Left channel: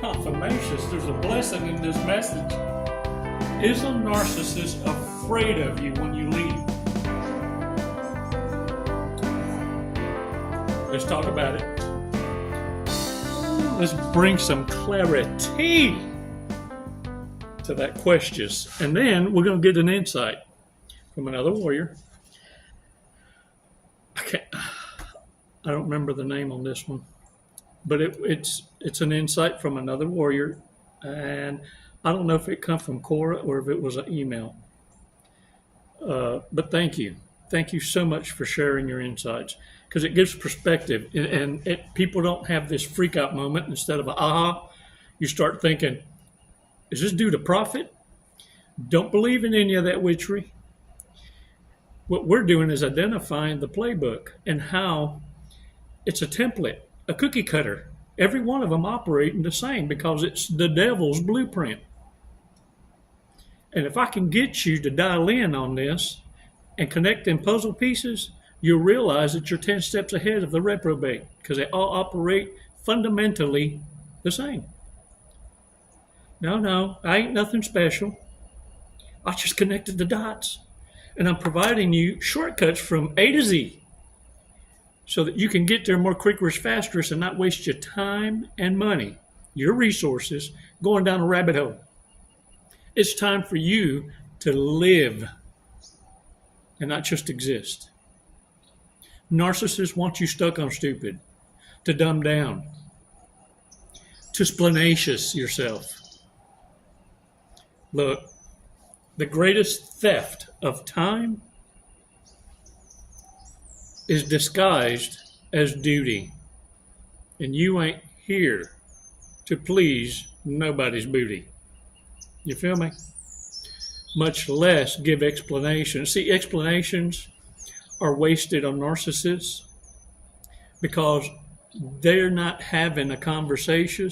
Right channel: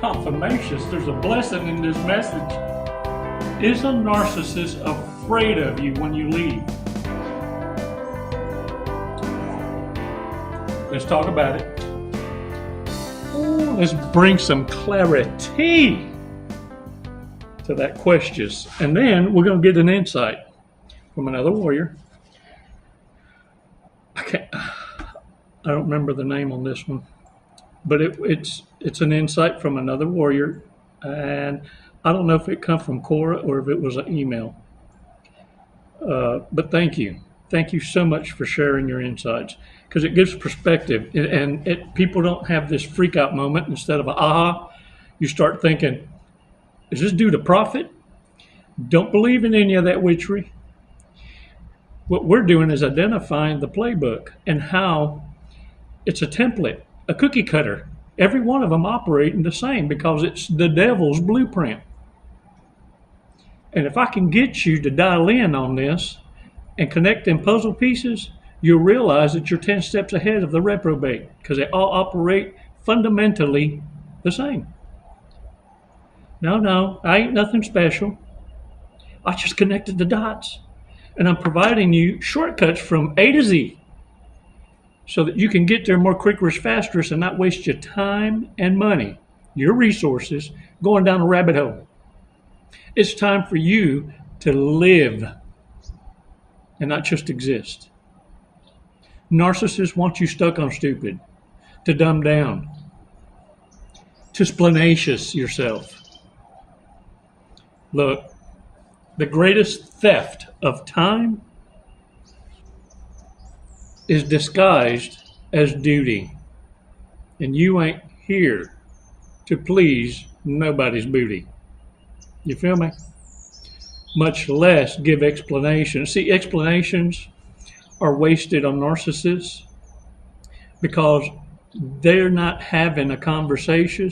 confirmations. There's a blessing in this message. Is a narcissist afraid of you when you leave? Let's talk about it. Let's bring some clarity to that question. And then we're going to get an insight from another warrior. I don't remember the name on this one, but it's an insight from another warrior, and I don't know if it come from Cora or if it was an email. But thank you so much for sharing your insights, because it gives perspective, and people don't have this freak out moment. Instead of a aha, you start thinking, is this due to profit? Don't believe in any of that witchery. What we're doing is identifying the playbook and how it's a template, a cookie cutter. Every one of them operating the same because it's the devil's blueprint. And if I can get you to dial in on this and connect them puzzle pieces, you'll realize that you're 10 steps ahead of the reprobate, because they all operate fundamentally the same. No, I ain't nothing special. I just connected the dots. And I'm providing you shortcuts from A to Z so that you can get there more quicker, faster, and not waste your time and money, your resources, going down a rabbit hole. It's time for you to live and not just exist. Narcissists want you stuck on stupid, to dumb down, to splanacious yourself. Look, the greatest theft of time is disguised as duty. And you ain't here to please nobody's booty. You feel me? Much less give explanations. See, explanations are wasted on narcissists because they're not having a conversation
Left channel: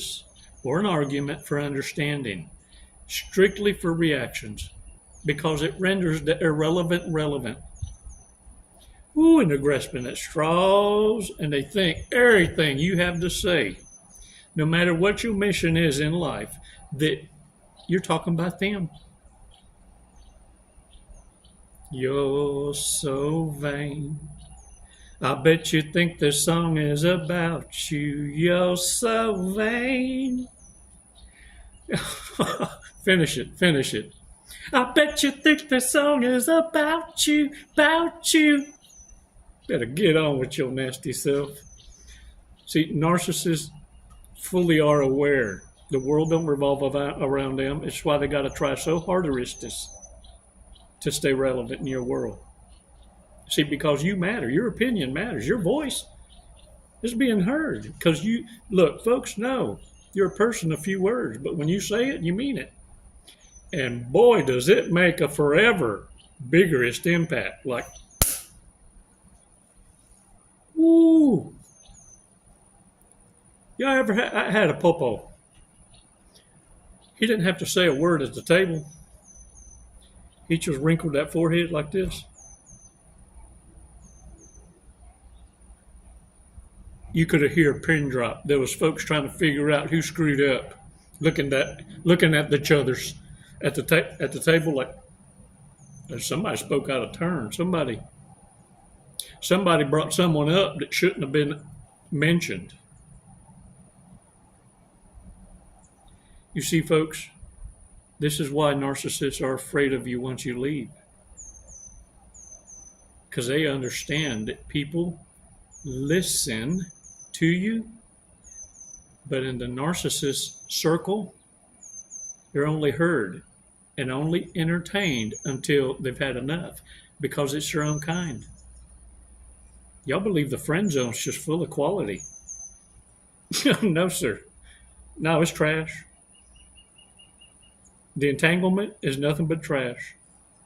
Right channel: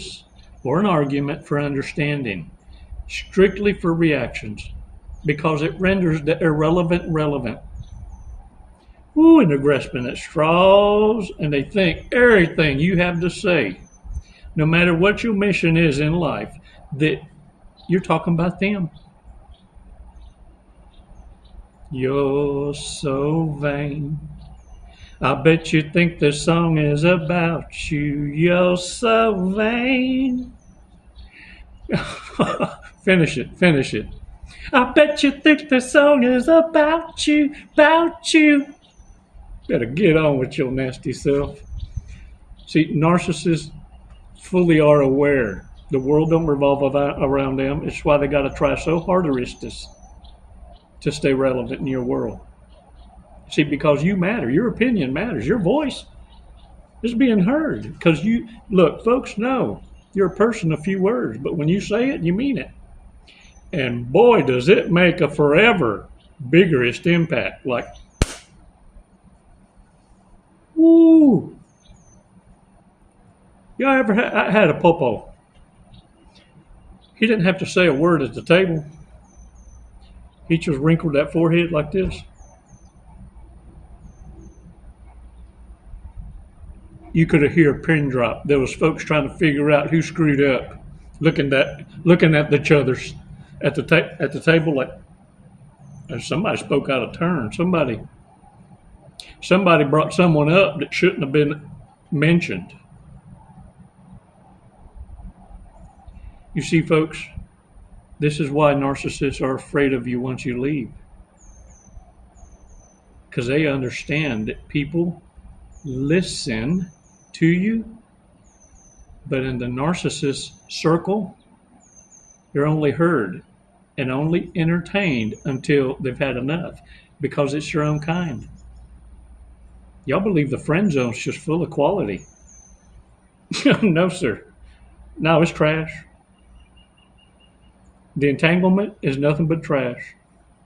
or an argument for understanding, strictly for reactions, because it renders the irrelevant relevant. Ooh, and they're grasping at straws, and they think everything you have to say, no matter what your mission is in life, that you're talking about them. You're so vain. I bet you think the song is about you. You're so vain. Finish it. I bet you think the song is about you, about you. Better get on with your nasty self. See, narcissists fully are aware the world don't revolve around them. It's why they got to try so hard to stay relevant in your world. See, because you matter. Your opinion matters. Your voice is being heard. Because look, folks know you're a person of few words, but when you say it, you mean it. And boy, does it make a forever biggest impact. Like, woo. Y'all ever had a popo? He didn't have to say a word at the table. He just wrinkled that forehead like this. You could hear a pin drop. There was folks trying to figure out who screwed up, looking at each other's at the table like, and somebody spoke out of turn. Somebody brought someone up that shouldn't have been mentioned. You see, folks, this is why narcissists are afraid of you once you leave. Because they understand that people listen to you, but in the narcissist circle, you're only heard and only entertained until they've had enough, because it's your own kind. Y'all believe the friend zone's just full of quality. No, sir. No, it's trash. The entanglement is nothing but trash.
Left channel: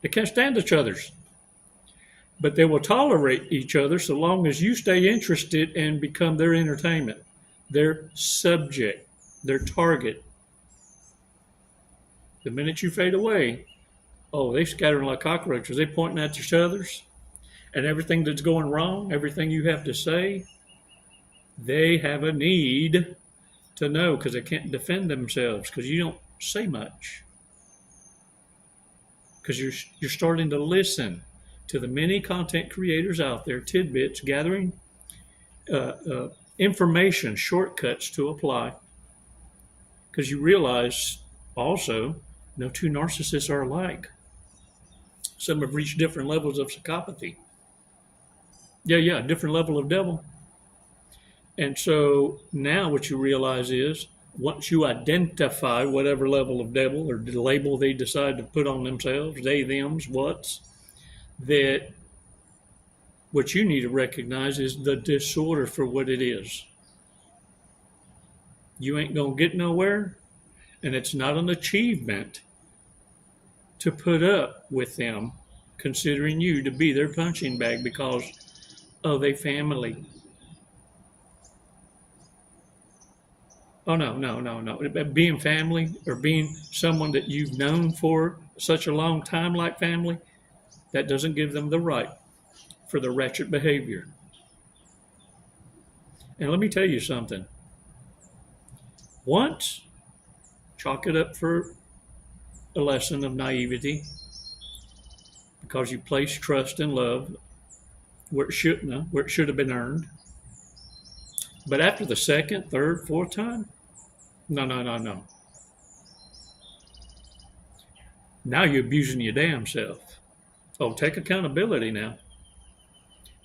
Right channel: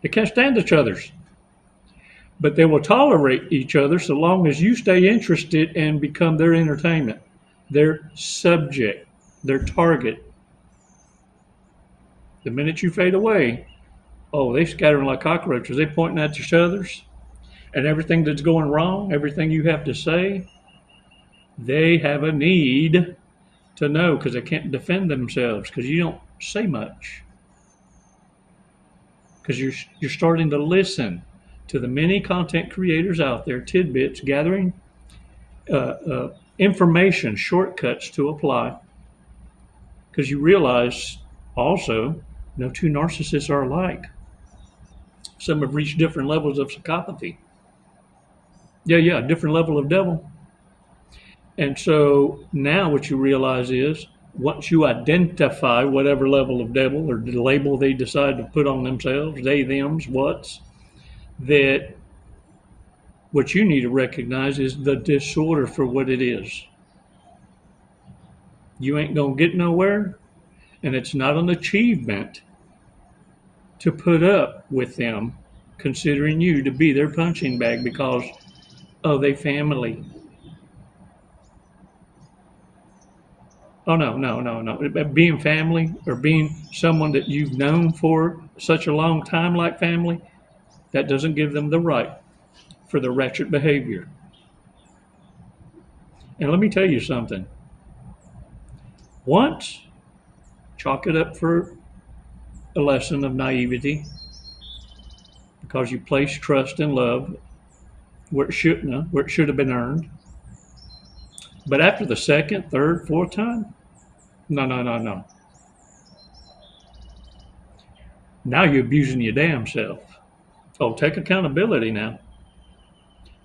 They can't stand each other's. But they will tolerate each other so long as you stay interested and become their entertainment, their subject, their target. The minute you fade away, oh, they scatter like cockroaches. They pointing at each other's, and everything that's going wrong, everything you have to say, they have a need to know because they can't defend themselves because you don't say much. Because you're starting to listen to the many content creators out there, tidbits, gathering information, shortcuts to apply. Because you realize also, no two narcissists are alike. Some have reached different levels of psychopathy. Yeah, different level of devil. And so now what you realize is once you identify whatever level of devil or the label they decide to put on themselves, they, thems, what's, that what you need to recognize is the disorder for what it is. You ain't going to get nowhere, and it's not an achievement to put up with them considering you to be their punching bag because of their family. Oh, no. Being family or being someone that you've known for such a long time like family, that doesn't give them the right for the ratchet behavior. And let me tell you something. Once, chalk it up for a lesson of naivety because you place trust and love where it shouldn't have, where it should have been earned. But after the second, third, fourth time, no. Now you're abusing your damn self. Oh, take accountability now.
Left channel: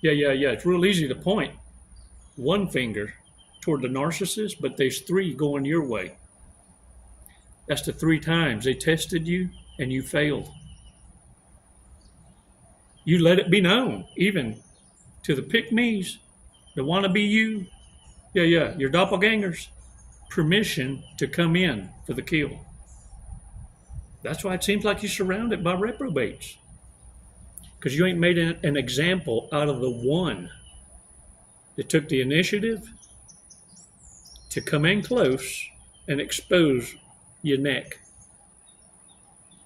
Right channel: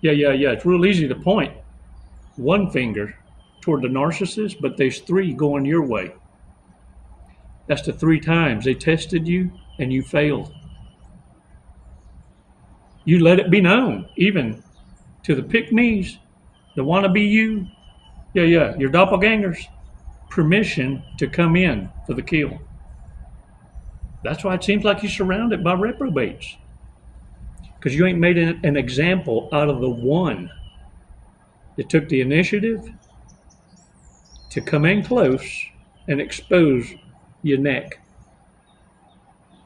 Yeah. It's real easy to point one finger toward the narcissist, but there's three going your way. That's the 3 times they tested you and you failed. You let it be known, even to the pick-me's, the wannabe you, your doppelgangers, permission to come in for the kill. That's why it seems like you're surrounded by reprobates. Because you ain't made an example out of the one that took the initiative to come in close and expose your neck.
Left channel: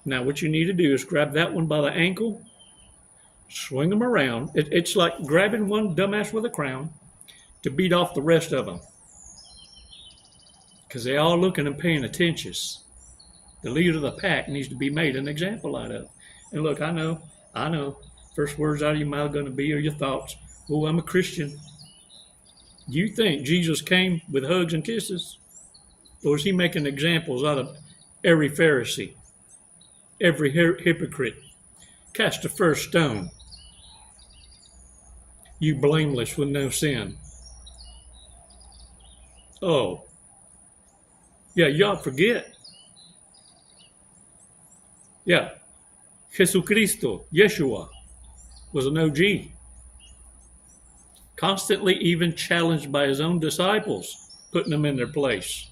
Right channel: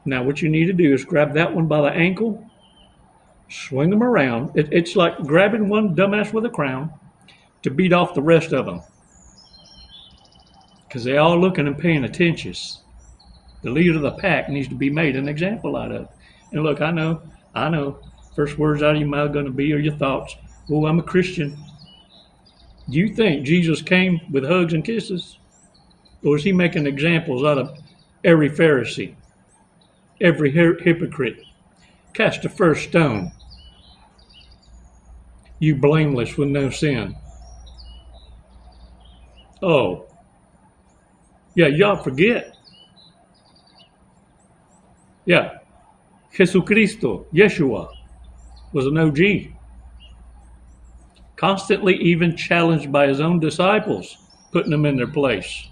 Now what you need to do is grab that one by the ankle, swing them around. It's like grabbing one dumbass with a crown to beat off the rest of them. Because they're all looking and paying attention. The leader of the pack needs to be made an example out of. And look, I know. First words out of your mouth going to be are your thoughts. Oh, I'm a Christian. Do you think Jesus came with hugs and kisses? Or is he making examples out of every Pharisee, every hypocrite? Cast the first stone, you blameless with no sin. Oh, yeah, y'all forget. Yeah, Jesucristo, Yeshua, was an OG. Constantly even challenged by his own disciples, putting them in their place.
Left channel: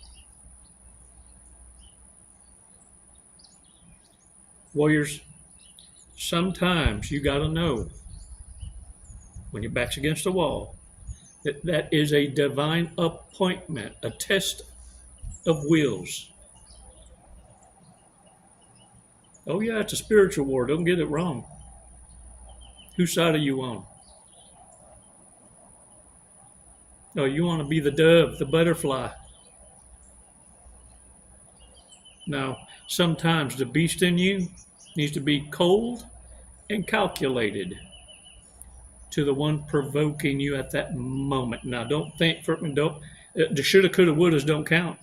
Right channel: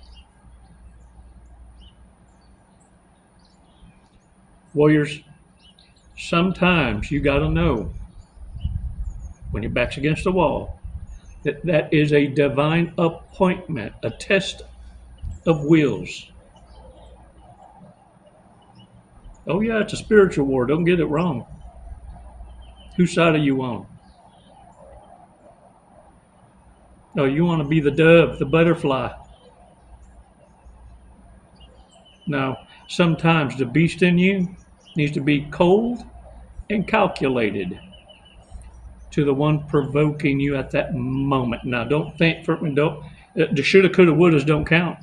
Warriors, sometimes you got to know when your back's against the wall that is a divine appointment, a test of wills. Oh yeah, it's a spiritual war. Don't get it wrong. Whose side are you on? Oh, you want to be the dove, the butterfly. No, sometimes the beast in you needs to be cold and calculated to the one provoking you at that moment. Now, don't think for me. Don't the shoulda, coulda, wouldas don't count.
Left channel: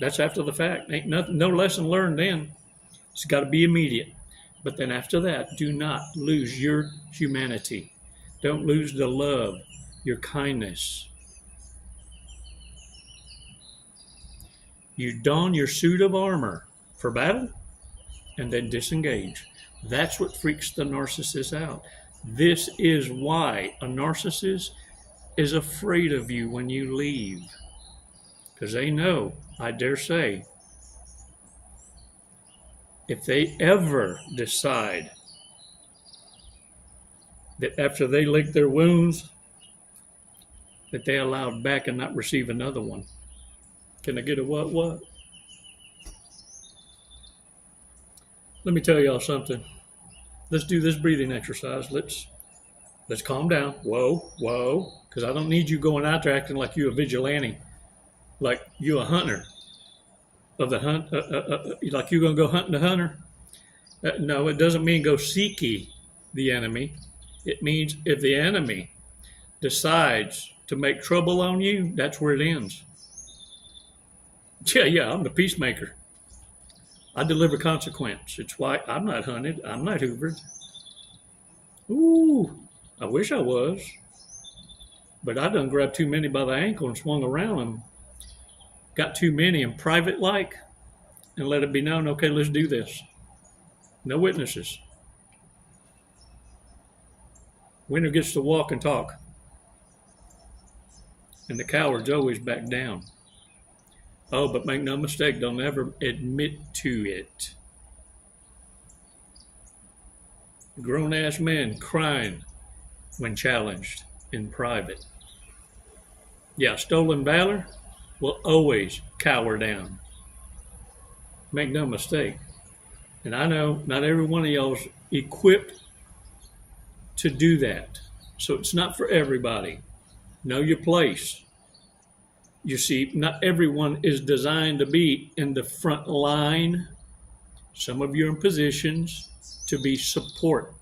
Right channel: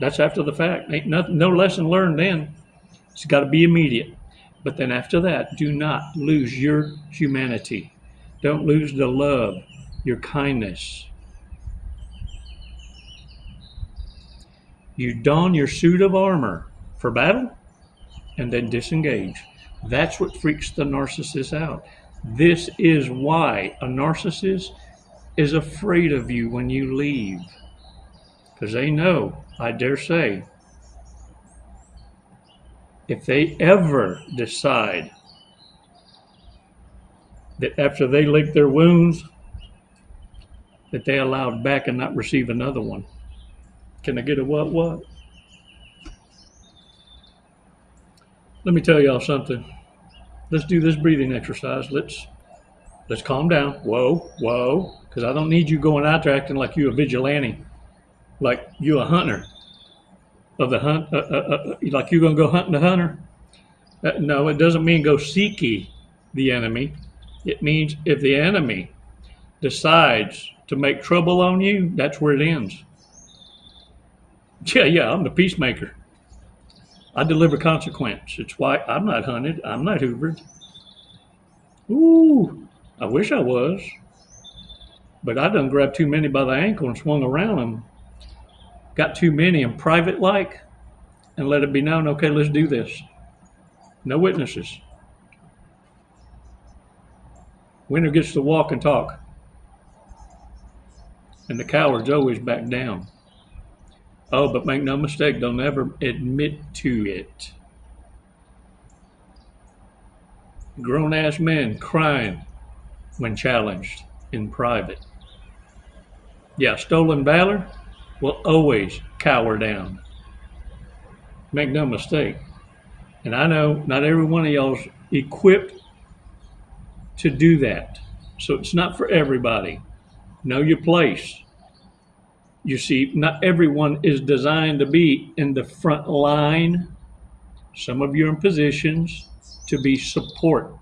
That's after the fact. Ain't no lesson learned then. It's got to be immediate. But then after that, do not lose your humanity. Don't lose the love, your kindness. You don your suit of armor for battle and then disengage. That's what freaks the narcissist out. This is why a narcissist is afraid of you when you leave. Because they know, I dare say, if they ever decide that after they lick their wounds, that they allowed back and not receive another one. Can I get a what? Let me tell y'all something. Let's do this breathing exercise. Let's calm down. Whoa. Because I don't need you going out there acting like you a vigilante. like you a hunter of the hunt, like you're gonna go hunting the hunter. No, it doesn't mean go seek ye the enemy. It means if the enemy decides to make trouble on you, that's where it ends. Yeah, I'm the peacemaker. I deliver consequence. It's why I'm not hunted. I'm not hoovered. Ooh, I wish I was. But I done grabbed too many by the ankle and swung around them. Got too many in private like and let it be known, okay, let's do this. No witnesses. Winner gets to walk and talk. And the cowards always back down. Oh, but make no mistake, they'll never admit to it. Grown-ass men crying when challenged in private. Yeah, stolen valor will always cower down. Make no mistake. And I know not every one of y'all's equipped to do that. So it's not for everybody. Know your place. You see, not everyone is designed to be in the front line. Some of you are in positions to be support.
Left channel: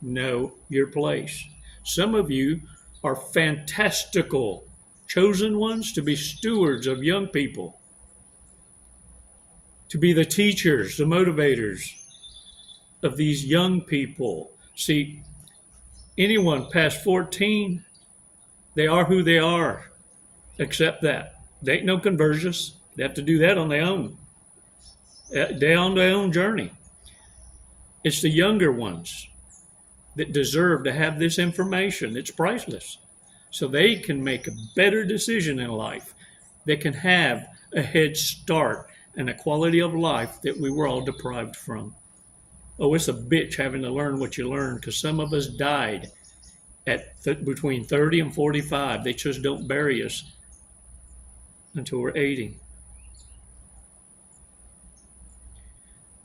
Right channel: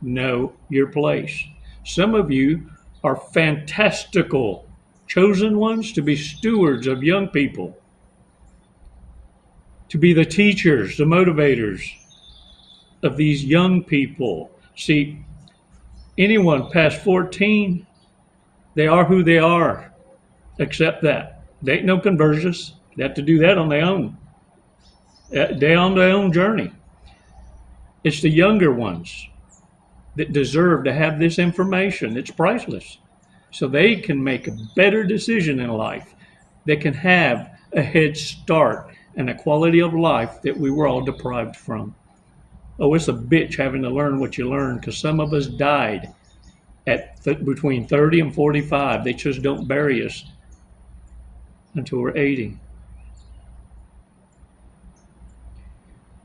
Know your place. Some of you are fantastical, chosen ones to be stewards of young people, to be the teachers, the motivators of these young people. See, anyone past 14, they are who they are. Accept that. They ain't no conversions. They have to do that on their own. They're on their own journey. It's the younger ones that deserve to have this information. It's priceless. So they can make a better decision in life. They can have a head start and a quality of life that we were all deprived from. Oh, it's a bitch having to learn what you learned, because some of us died at between 30 and 45. They just don't bury us until we're 80.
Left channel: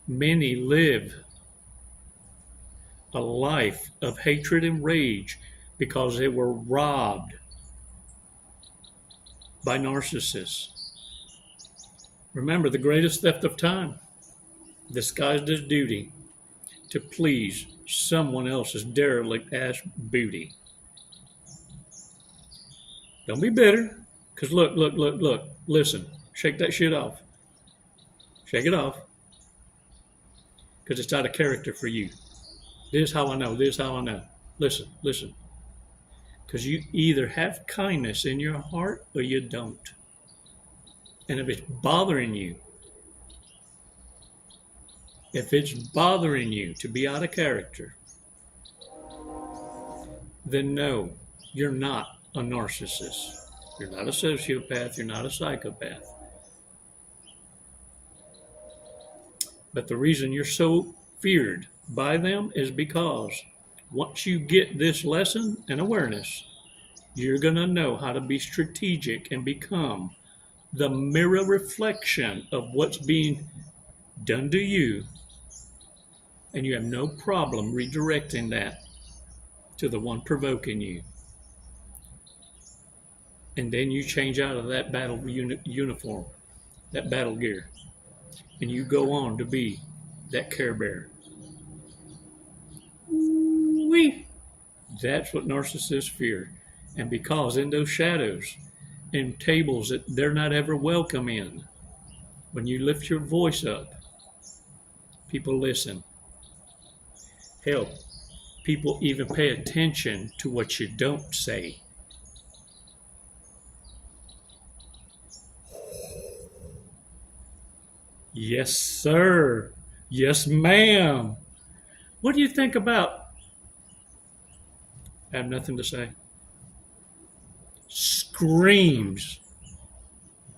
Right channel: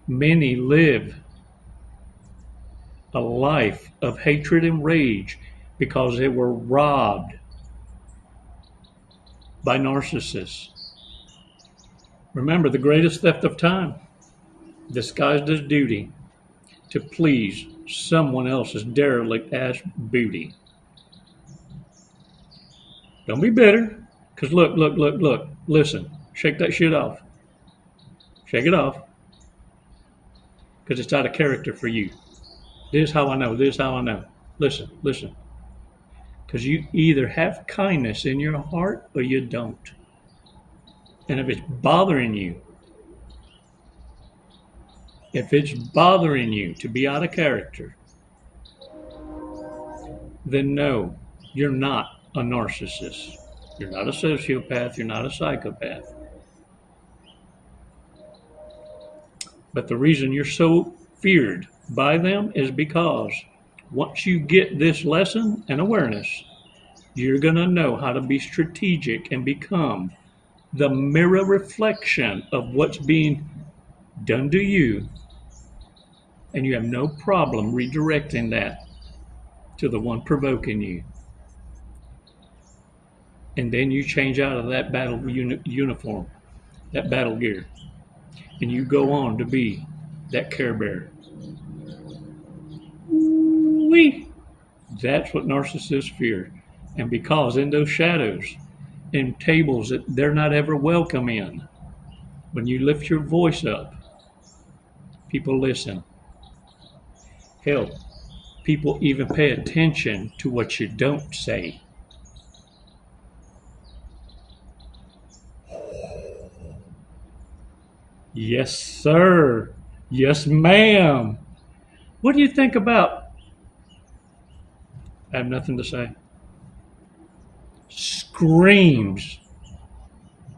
Many live a life of hatred and rage because they were robbed by narcissists. Remember, the greatest theft of time, disguised as duty, to please someone else's derelict ass booty. Don't be bitter, because look, listen, shake that shit off. Shake it off, because it's out of character for you. This is how I know, this is how I know. Listen. Because you either have kindness in your heart or you don't. And if it's bothering you to be out of character, then no, you're not a narcissist. You're not a sociopath. You're not a psychopath. But the reason you're so feared by them is because once you get this lesson and awareness, you're going to know how to be strategic and become the mirror reflection of what's being done to you. And you have no problem redirecting that to the one provoking you. And then you change out of that battle uniform, that battle gear, and you go on to be that care bearer. Wee! That's what narcissists fear. And because in those shadows, in tables that they're not ever welcome in, when you lift your voice up, people listen. Hell, people even pay attention to what you don't say. Yes, sir. Yes, ma'am. What do you think about? I have nothing to say. Screams.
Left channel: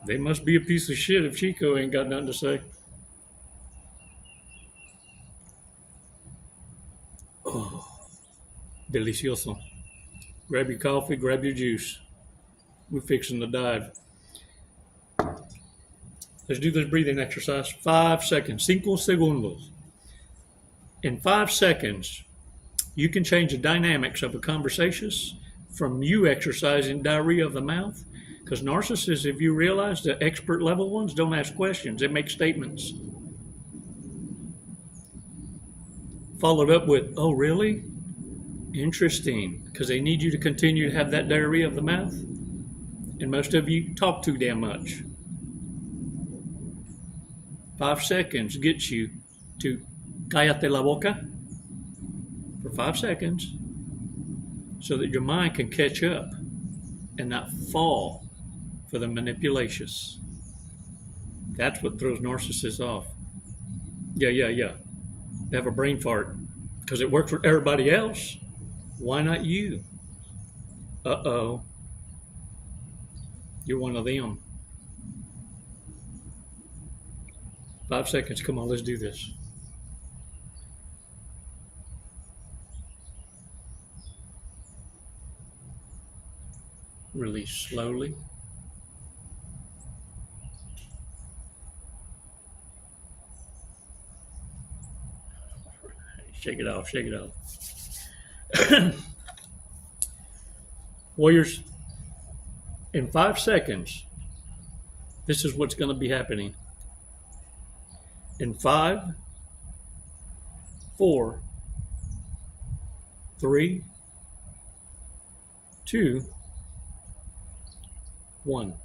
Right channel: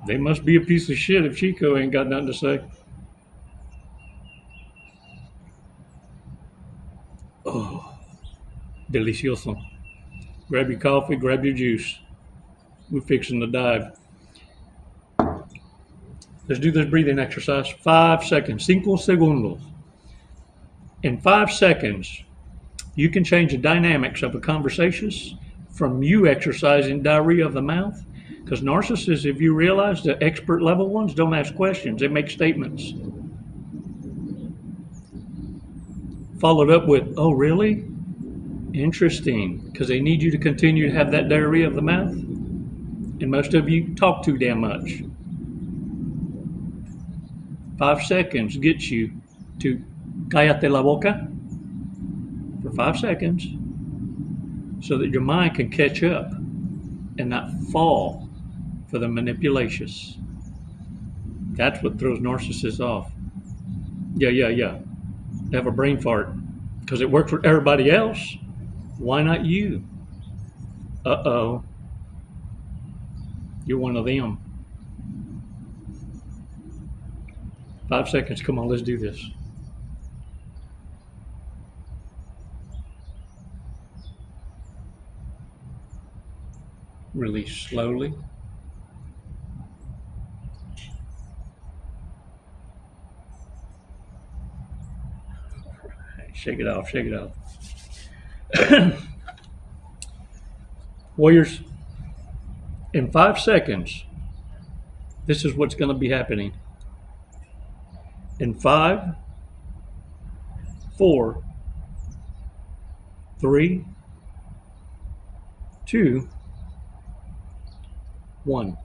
They must be a piece of shit if Chico ain't got nothing to say. Oh, delicioso. Grab your coffee, grab your juice. We're fixing to dive. Let's do this breathing exercise. 5 seconds. 5 segundos. In 5 seconds, you can change the dynamics of a conversation from you exercising diarrhea of the mouth Because narcissists, if you realize, the expert level ones don't ask questions, they make statements. Followed up with, oh, really? Interesting. Because they need you to continue to have that diarrhea of the mouth. And most of you talk too damn much. 5 seconds gets you to cállate la boca for 5 seconds so that your mind can catch up and not fall for the manipulations. That's what throws narcissists off. Yeah. They have a brain fart because it works for everybody else. Why not you? Uh-oh. You're one of them. 5 seconds. Come on, let's do this. Release slowly. Shake it off, shake it off. Warriors, in 5 seconds, this is what's going to be happening. In 5, 4, 3, 2, 1.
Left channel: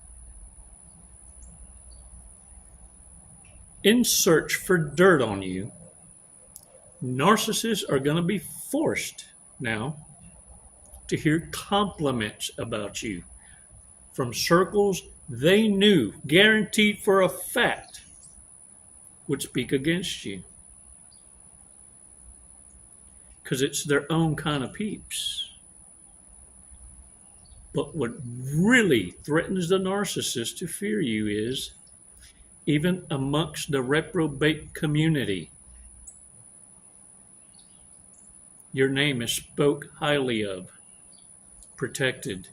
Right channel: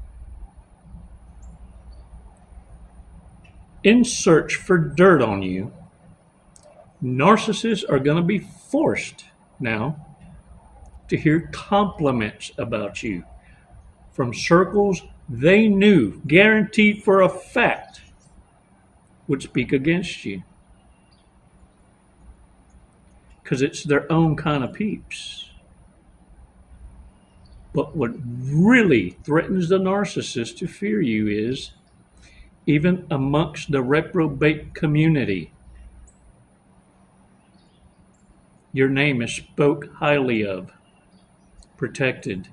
In search for dirt on you, narcissists are going to be forced now to hear compliments about you from circles they knew, guaranteed for a fact, would speak against you. Because it's their own kind of peeps. But what really threatens the narcissist to fear you is, even amongst the reprobate community, your name is spoke highly of, protected.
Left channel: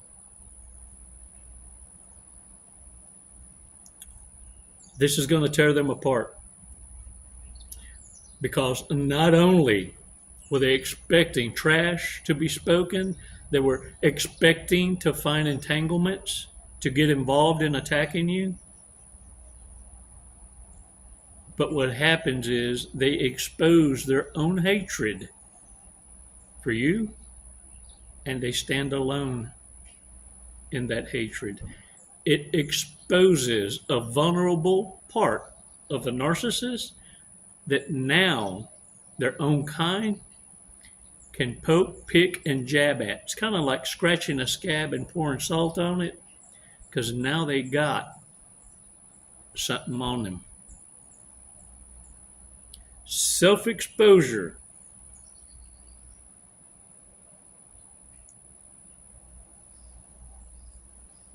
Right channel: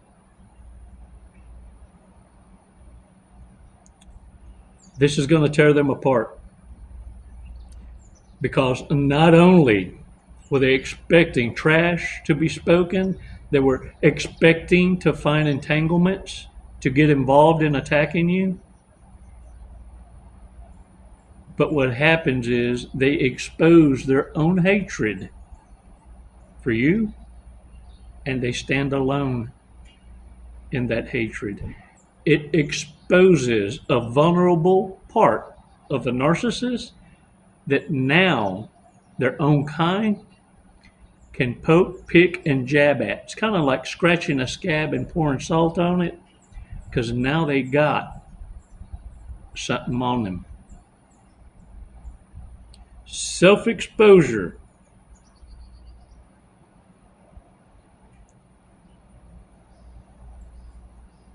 This is going to tear them apart. Because not only were they expecting trash to be spoken, they were expecting to find entanglements, to get involved in attacking you. But what happens is they expose their own hatred for you, and they stand alone in that hatred. It exposes a vulnerable part of the narcissist that now their own kind can poke, pick, and jab at. It's kind of like scratching a scab and pouring salt on it, because now they got something on them. Self-exposure.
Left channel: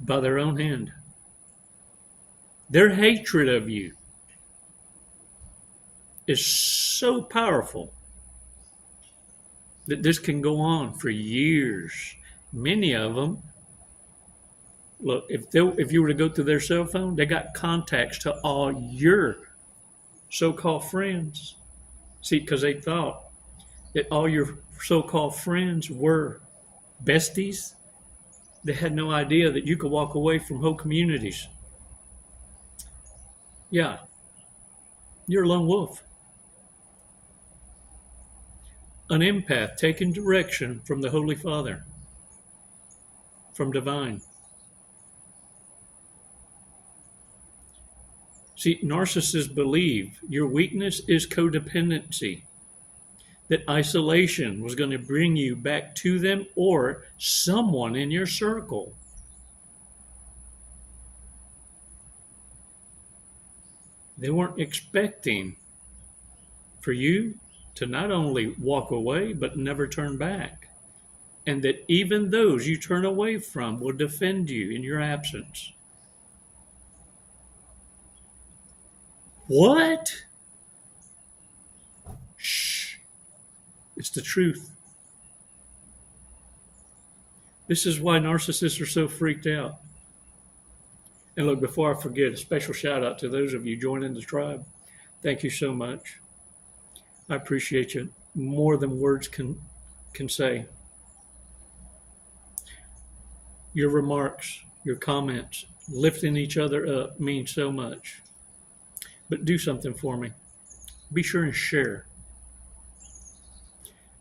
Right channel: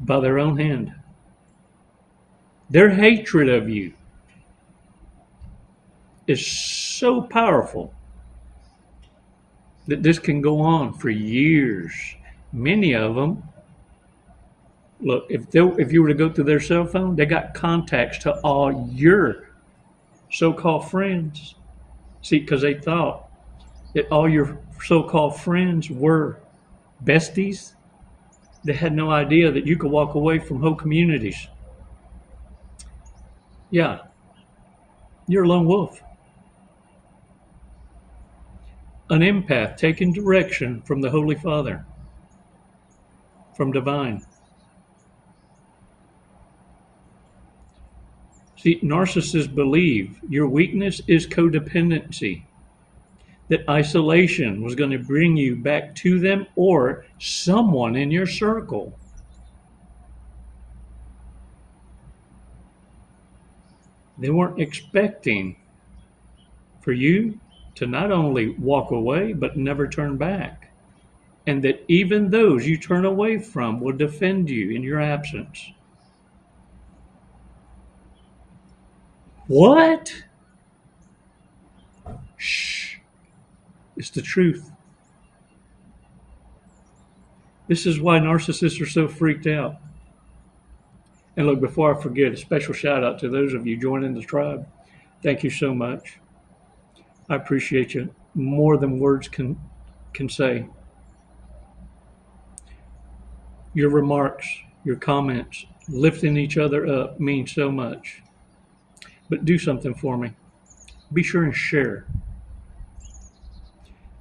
By their own hand. Their hatred of you is so powerful that this can go on for years. Many of them, look, if you were to go through their cell phone, they got contacts to all your so-called friends. See, because they thought that all your so-called friends were besties. They had no idea that you could walk away from whole communities. Yeah, you're a lone wolf. An empath taking direction from the Holy Father, from divine. See, narcissists believe your weakness is codependency, that isolation was going to bring you back to them or someone in your circle. They weren't expecting for you to not only walk away, but never turn back. And that even those you turn away from will defend you in your absence. What? Shh. It's the truth. This is why narcissists are so freaked out. And look, before I forget, a special shout out to those of you joining the tribe. Thank you so much. I appreciate you more than words can say. Your remarks your comments, lifting each other up means so much. But do something for me. Be sure and share.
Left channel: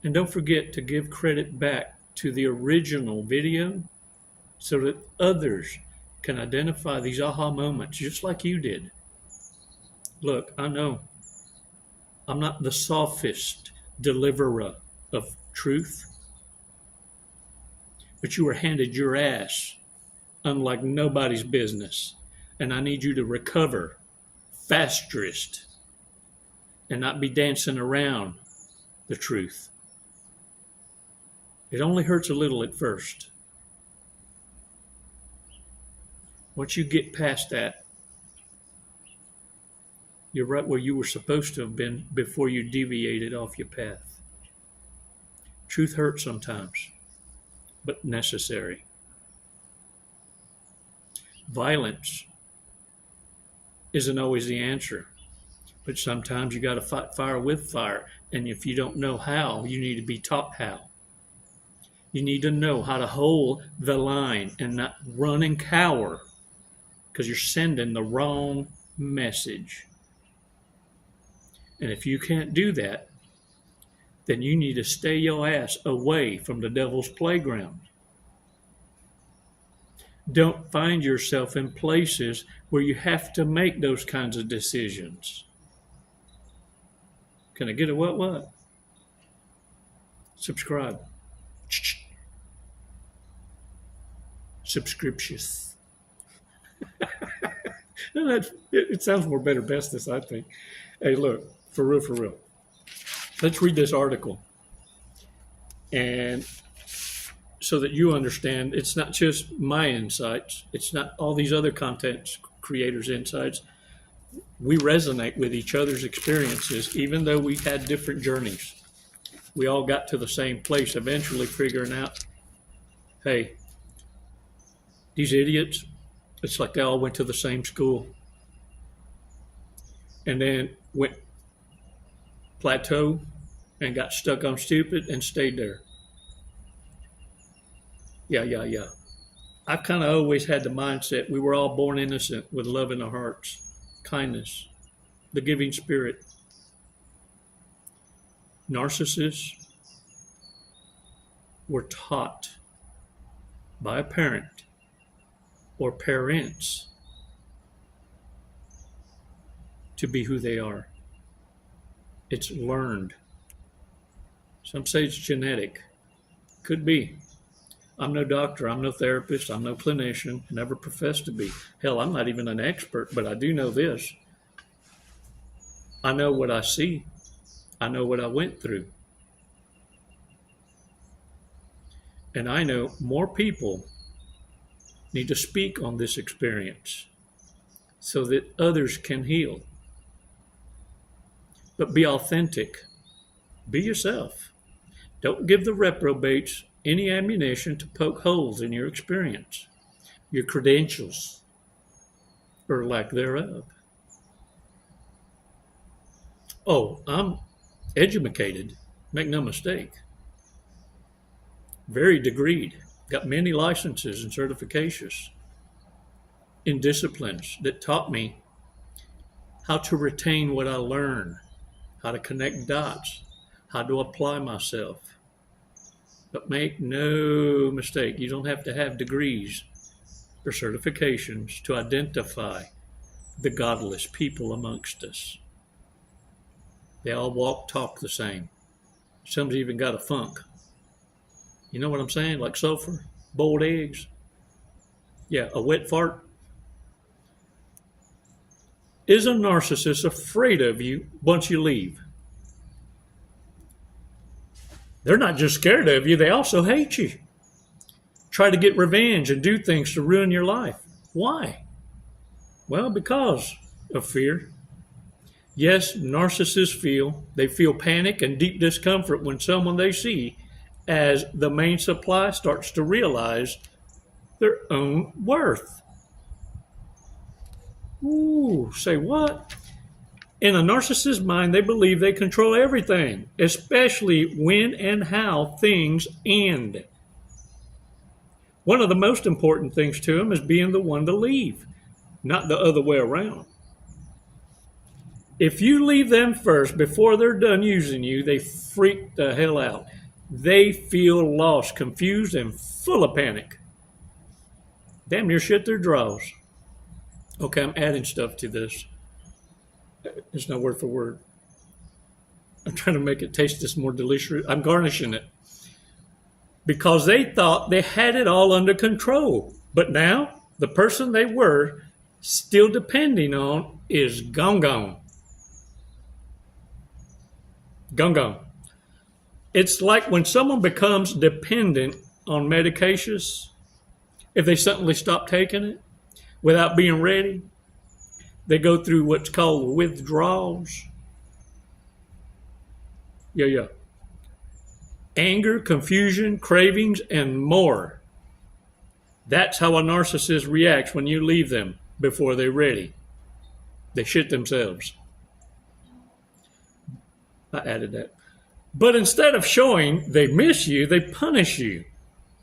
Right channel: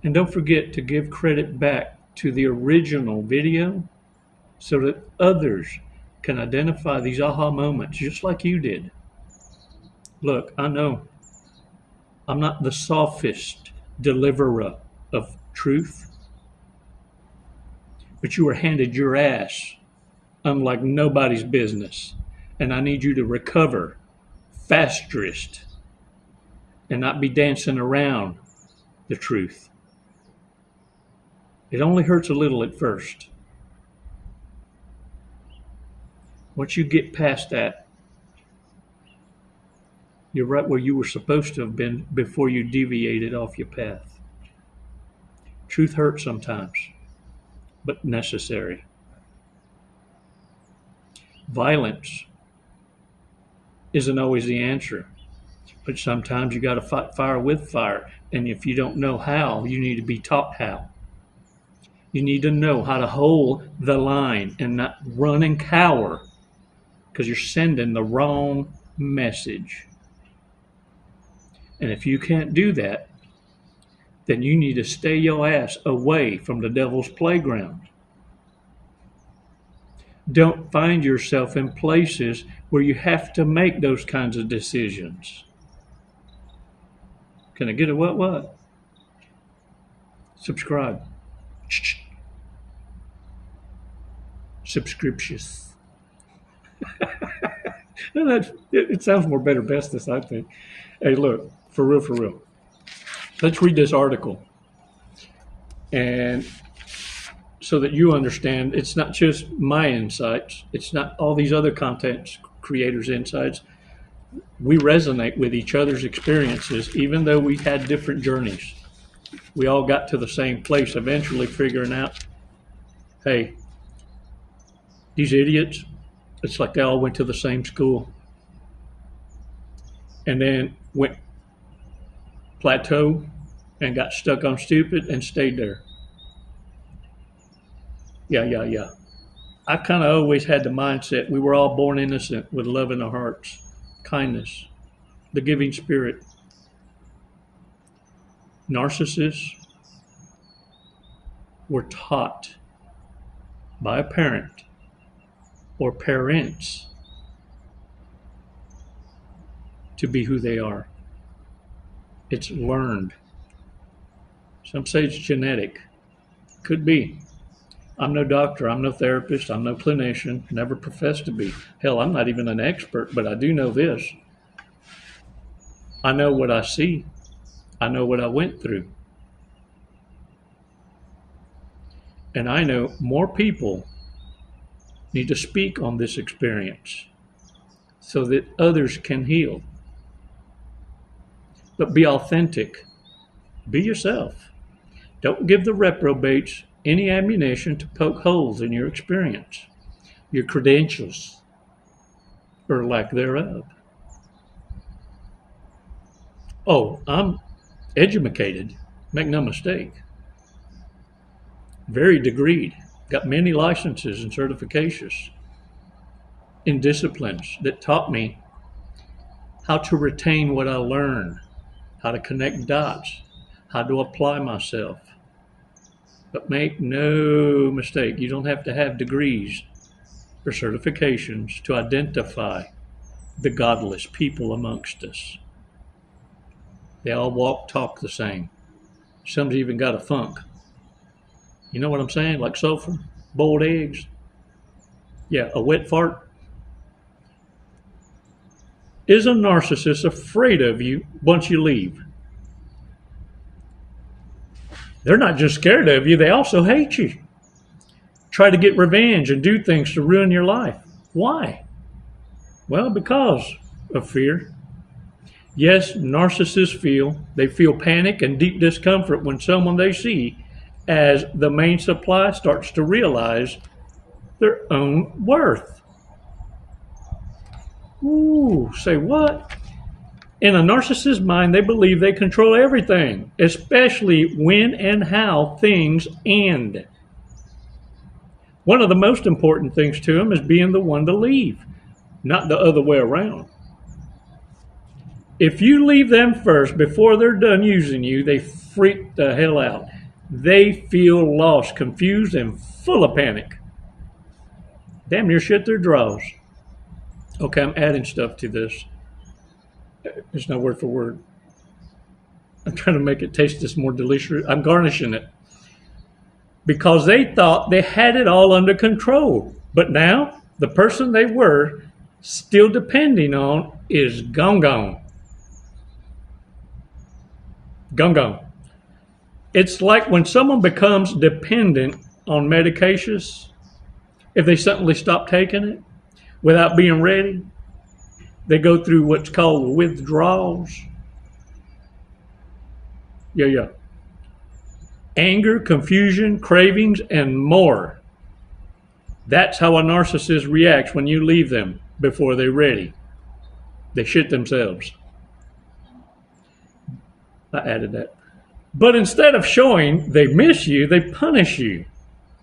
And don't forget to give credit back to the original video so that others can identify these aha moments just like you did. Look, I know I'm not the sophist deliverer of truth, but you were handed your ass unlike nobody's business. And I need you to recover fastest and not be dancing around the truth. It only hurts a little at first. Once you get past that, you're right where you were supposed to have been before you deviated off your path. Truth hurts sometimes, but necessary. Violence isn't always the answer, but sometimes you got to fight fire with fire. And if you don't know how, you need to be taught how. You need to know how to hold the line and not run and cower because you're sending the wrong message. And if you can't do that, then you need to stay your ass away from the devil's playground. Don't find yourself in places where you have to make those kinds of decisions. Can I get a what? Subscribe. Subscriptious. It sounds more better bestest, I think. Hey, look, for real. Let's read this article. And so that you understand, it's not just my insights. It's not all these other content creators' insights. We resonate with each other's experiences, even though we had different journeys. We all got to the same place, eventually figuring out, hey, these idiots, it's like they all went to the same school and then went plateau and got stuck on stupid and stayed there. Yeah. I kind of always had the mindset we were all born innocent with love in our hearts, kindness, the giving spirit. Narcissists were taught by a parent or parents to be who they are. It's learned. Some say it's genetic. Could be. I'm no doctor, I'm no therapist, I'm no clinician, never professed to be. Hell, I'm not even an expert, but I do know this. I know what I see. I know what I went through. And I know more people need to speak on this experience so that others can heal. But be authentic. Be yourself. Don't give the reprobates any ammunition to poke holes in your experience, your credentials, or lack thereof. Oh, I'm educated, make no mistake. Very degreed, got many licenses and certifications in disciplines that taught me how to retain what I learned, how to connect dots, how to apply myself. But make no mistake, you don't have to have degrees or certifications to identify the godless people amongst us. They all walk, talk the same. Some's even got a funk. You know what I'm saying? Like sulfur, boiled eggs. Yeah, a wet fart. Is a narcissist afraid of you once you leave? They're not just scared of you, they also hate you. Try to get revenge and do things to ruin your life. Why? Well, because of fear. Yes, narcissists feel panic and deep discomfort when someone they see as the main supply starts to realize their own worth. Ooh, say what? In a narcissist's mind, they believe they control everything, especially when and how things end. One of the most important things to them is being the one to leave, not the other way around. If you leave them first before they're done using you, they freak the hell out. They feel lost, confused, and full of panic. Damn near shit their drawers. Okay, I'm adding stuff to this. There's no word for word. I'm trying to make it taste this more delicious. I'm garnishing it. Because they thought they had it all under control. But now, the person they were still depending on is gone. Gone. It's like when someone becomes dependent on medications, if they suddenly stop taking it without being ready, they go through what's called withdrawals. Yeah. Anger, confusion, cravings, and more. That's how a narcissist reacts when you leave them before they're ready. They shit themselves. I added that. But instead of showing they miss you, they punish you.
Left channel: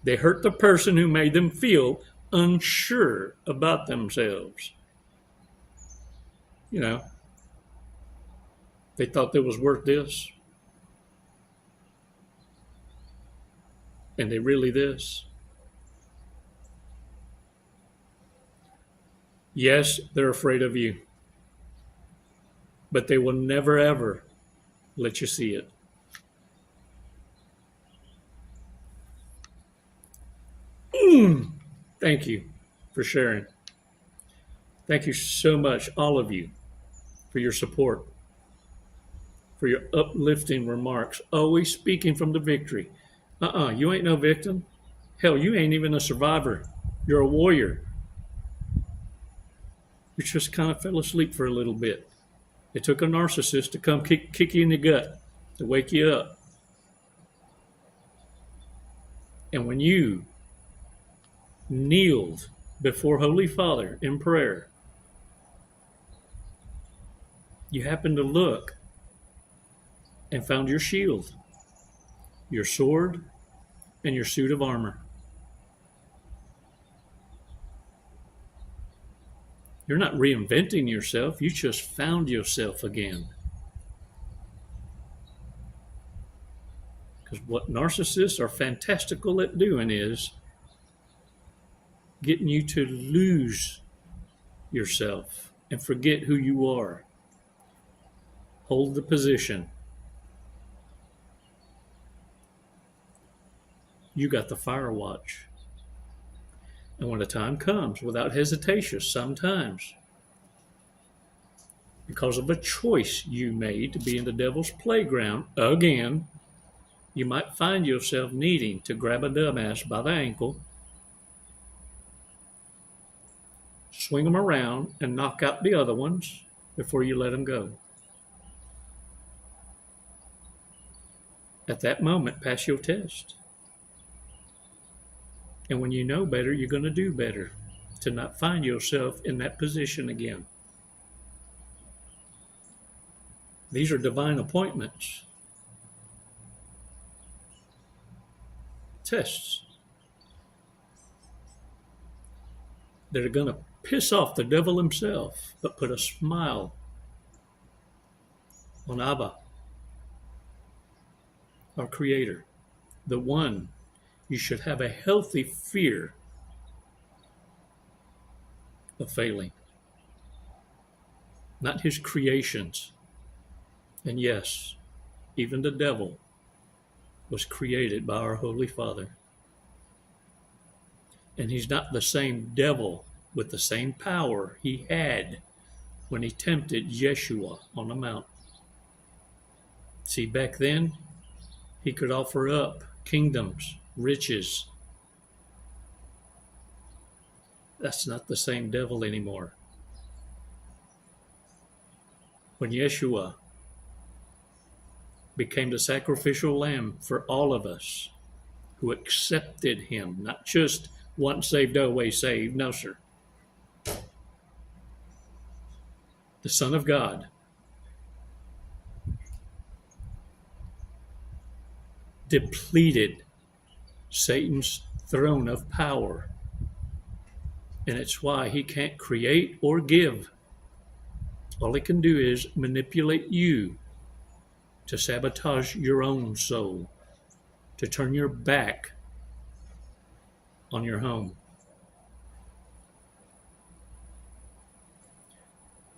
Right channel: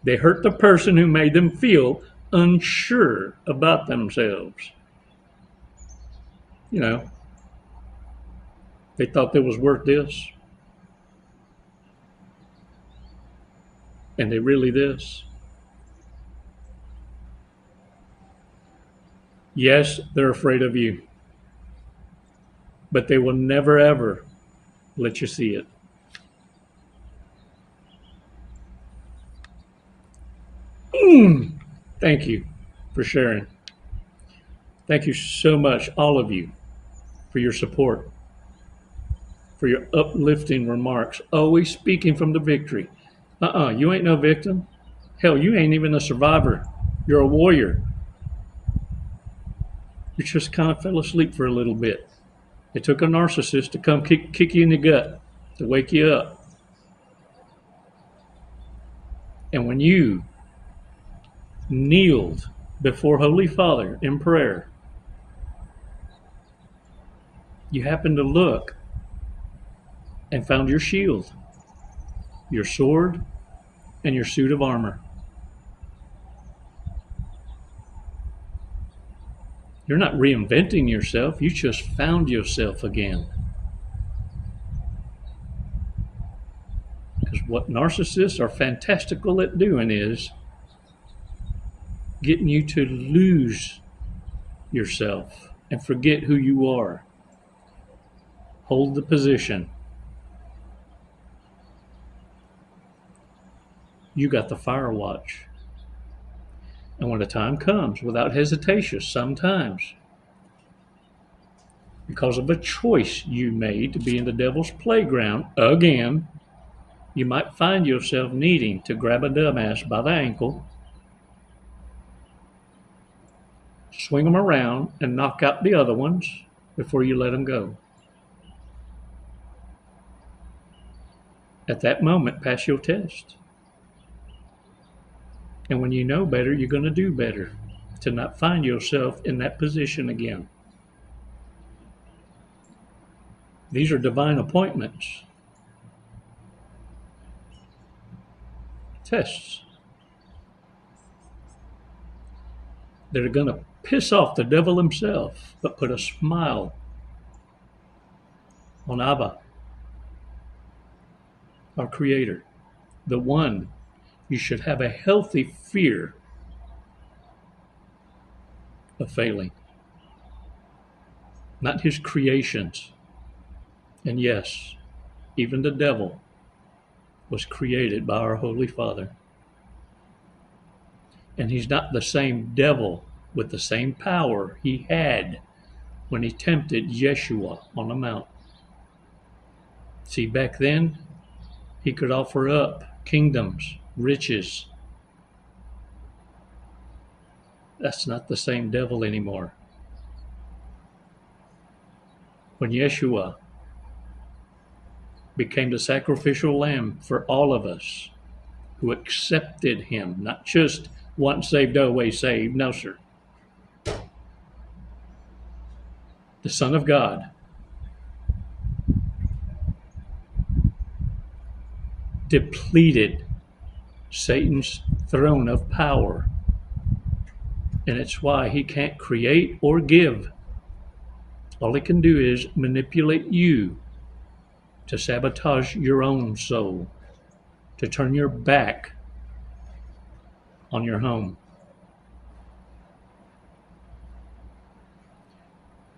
They hurt the person who made them feel unsure about themselves. You know, they thought they was worth this. And they really this. Yes, they're afraid of you. But they will never, ever let you see it. Thank you for sharing. Thank you so much, all of you, for your support, for your uplifting remarks, always speaking from the victory. You ain't no victim. Hell, you ain't even a survivor. You're a warrior. You just kind of fell asleep for a little bit. It took a narcissist to come kick you in the gut, to wake you up. And when you kneeled before Holy Father in prayer, you happened to look and found your shield, your sword, and your suit of armor. You're not reinventing yourself. You just found yourself again. Because what narcissists are fantastical at doing is getting you to lose yourself and forget who you are. Hold the position. You got the fire watch. And when the time comes, without hesitation, sometimes, because of a choice you made to be in the devil's playground again, you might find yourself needing to grab a dumbass by the ankle, swing them around, and knock out the other ones before you let them go. At that moment, pass your test. And when you know better, you're going to do better to not find yourself in that position again. These are divine appointments. Tests that are going to piss off the devil himself, but put a smile on Abba, our Creator, the one you should have a healthy fear of failing, not his creations. And yes, even the devil was created by our Holy Father. And he's not the same devil with the same power he had when he tempted Yeshua on the mount. See, back then, he could offer up kingdoms, riches. That's not the same devil anymore. When Yeshua became the sacrificial lamb for all of us who accepted him, not just once saved, always saved. No, sir. The Son of God depleted Satan's throne of power. And it's why he can't create or give. All he can do is manipulate you to sabotage your own soul, to turn your back on your home.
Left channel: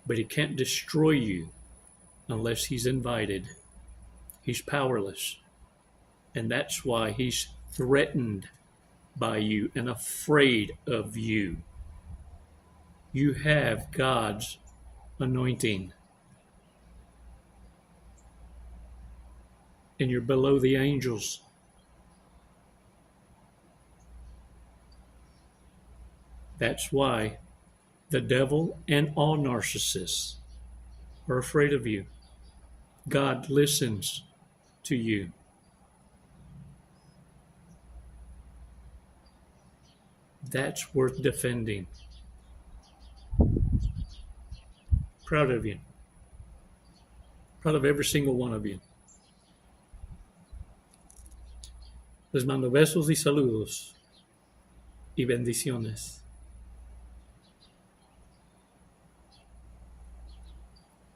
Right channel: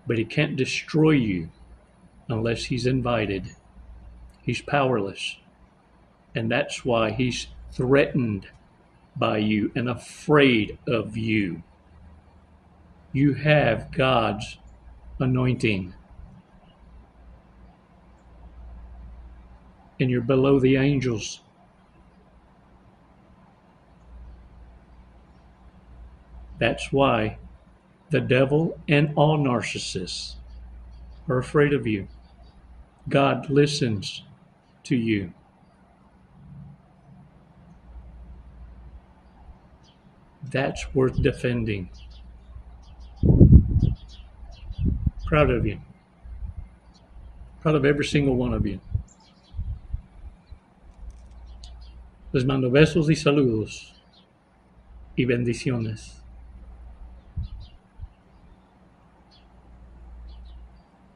But he can't destroy you unless he's invited. He's powerless. And that's why he's threatened by you and afraid of you. You have God's anointing. And you're below the angels. That's why the devil and all narcissists are afraid of you. God listens to you. That's worth defending. Proud of you. Proud of every single one of you. Les mando besos y saludos y bendiciones.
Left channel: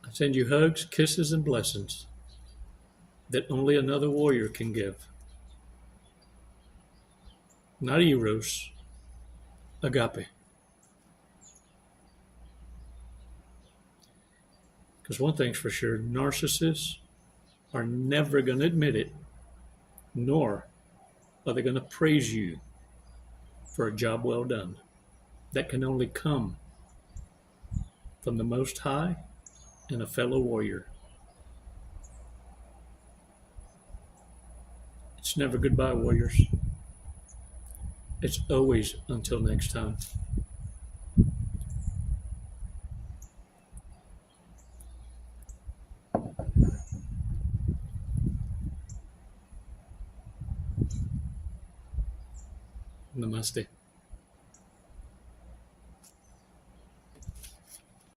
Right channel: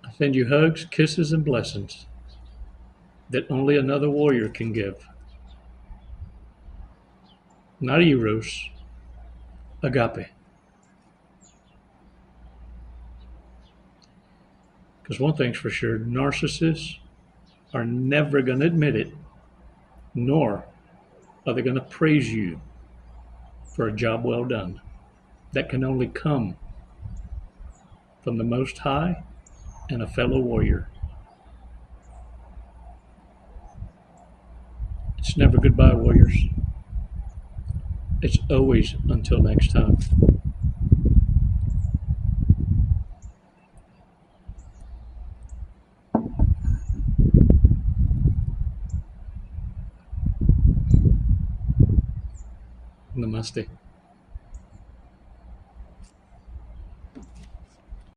I send you hugs, kisses, and blessings that only another warrior can give. Not eros, agape. Because one thing's for sure, narcissists are never going to admit it, nor are they going to praise you for a job well done. That can only come from the Most High and a fellow warrior. It's never goodbye, warriors. It's always until next time. Namaste.